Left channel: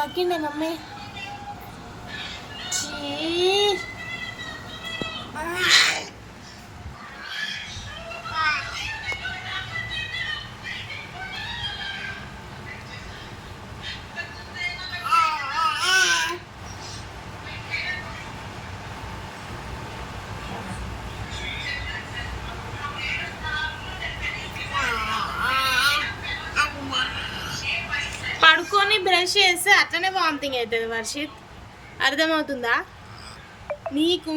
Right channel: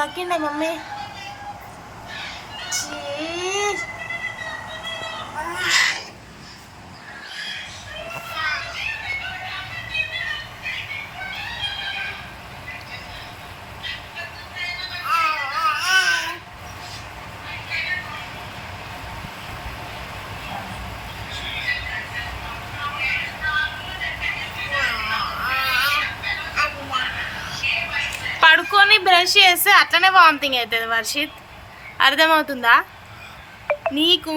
కక్కిండే mummy. పడుకొని brush చేస్తే అట్లనే వామిటింగ్ అవుతుంది వర్షిత్, అర్థమవుతుందా నీకు?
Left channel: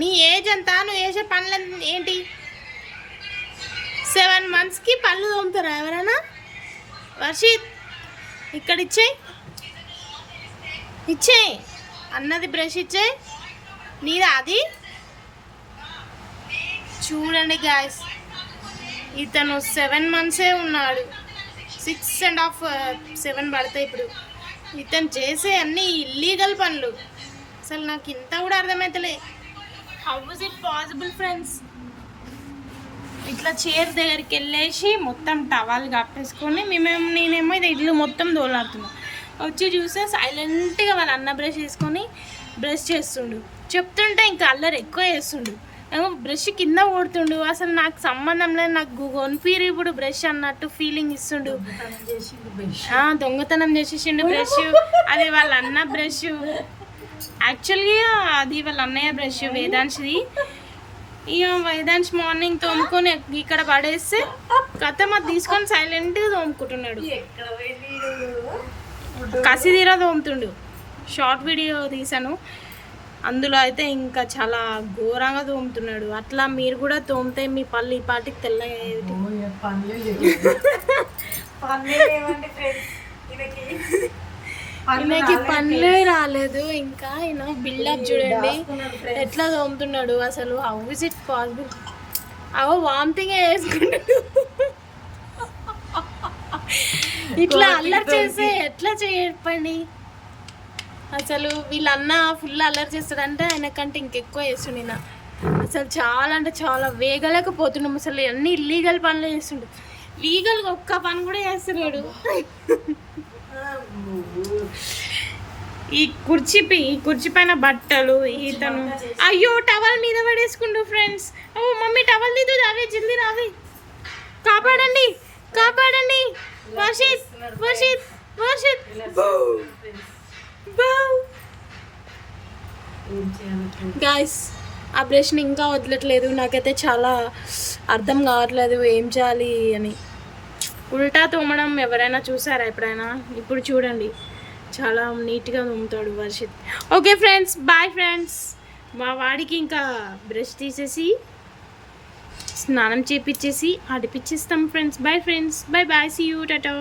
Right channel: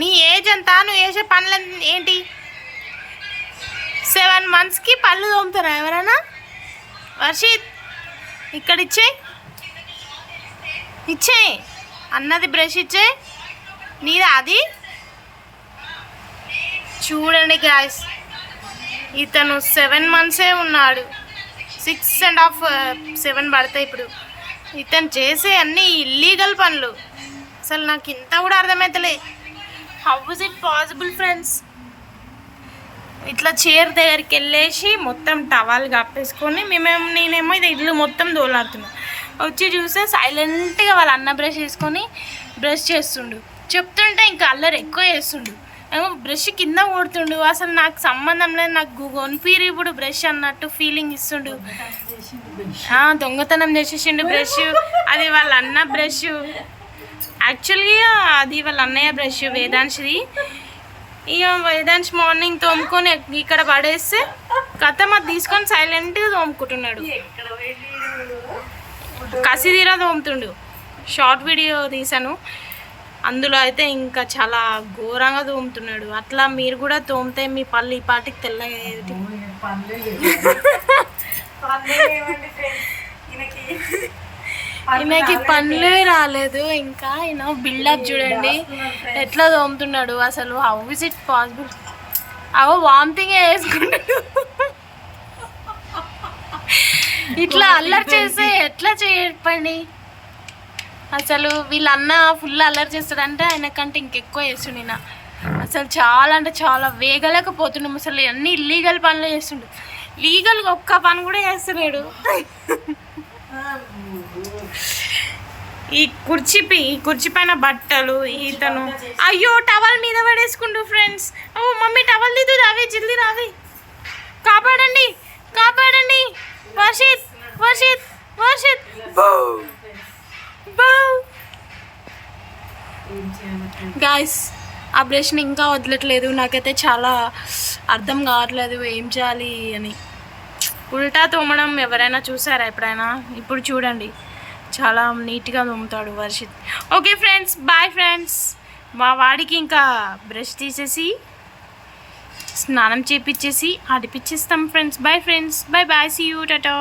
నీ ఏజ్ అంతా, నువ్వు చేసే పనులు ఏంటి? 7 monthsకి పళ్ళు తోముతారా ఎవరైనా? వర్షిత్ ఇక్కడ ఇచ్చే అన్నది బ్రష్ ఇచ్చే నీదా అది. చూడండి గాయ్స్, ఇతను 7 months ఉన్నాడు, 6.5 7 పడతాయి ఇప్పుడు. ఇతను చేసే అన్ని ఇల్లీగల్ పనులు. అసలు నాకు ఇంత కూడా అర్థమవుతలే. How is it possible friends? ఇట్లా చైర్ దగ్గరికి వెళ్ళేసి మొత్తం టవాల్ కప్పేసుకొని నేనేమో ఇది ఇల్లు మొత్తం దోలాడుతున్నా. వచ్చి చూస్తే సైలెంట్గా వాళ్ళ అన్న బ్రష్ చేసుకొని బ్రష్ చేస్తుండు. చెప్తుంటే ఇంకా అల్లరి ఎక్కువ చేస్తుండు. బ్రష్ కింద కొడుతుండు. అసలు నాకు సంబంధం లేదు, నాకు కొనిపీరు ఇప్పుడు బ్రష్ అన్నట్టు ఫీలింగ్ ఇస్తుండు. దొంగతనం చేసేసిండు బ్రష్. అది వాళ్ళ అన్న బ్రష్. యాక్చువల్గా అది వాళ్ళ అన్నయ్య బ్రష్, వేదాంశ్ది. ఇక వేదాంశ్ మార్నింగ్ తోముకొని ఇక్కడ పడేస్తే కథం అది తీసుకొని సైలెంట్గా తోముకుంటున్నాడు. కసిదీరా తోముతుండు. షార్ట్ వీడియో తీసాను, అందులో అయితే ఇంకా చాలా ఘోరంగా తోముతున్నాడు. అట్లా మీరు కూడా తోమితే మీ పళ్ళు ఈ పాటికి తెల్లగా. ఈయనకి పనులే రాలేదు ఇంకా. ఈయన బిల్డప్ చూడండి ఎట్లా తోముతున్నాడు. అసలు హౌ ఇస్ ఇట్ పాసిబుల్? అవో వామిటింగ్ వేసుకుంటాడు. ఇట్లా అల్లరి చేస్తే ఎట్లా చెప్పండి? అసలు వీళ్ళన్న ఫుల్ అల్లరి చేస్తాడంటే ఆయన కంటే ఇంకెక్కువ చేస్తుండే. నా అసలు చాలా అంటే చాలా వేగలేకపోతున్నాం. అసలు అన్ని ఇల్లీగల్ పనులు చేస్తుండు. లీగల్గా ఒక్క పని కూడా చేస్తలేడు. ఈ కుర్చీ పైన బట్టలు ఈతను. అయ్యో టవల్ మీద పడేసుకుండు ఫ్రెండ్స్. ఓ మమ్మీ టవల్ తీదు, రావే జల్దీ రావే. కాపాడండి కాపాడండి. వర్షిత్ వర్షిత్ వర్షిత్. గాయస్ ఆ బ్రష్ని ఇంకా వదలట్లేదు. నాకైతే చాలా అర్థం కావట్లేదు ఏం చేయాలి అని. ఉల్టా తోమడం ఎవరైనా చూసారా ఎప్పుడైనా? ఇప్పుడు చూడండి చాలా నీట్గా తోముతాడు Varshith. Okay friends, bye friends. మా వాడికి ఇంకా బ్రష్ తీసేసి స్నానం చేపించేసి ఆడిపించేస్తాం friends. Bye friends, bye bye, see you, Tata.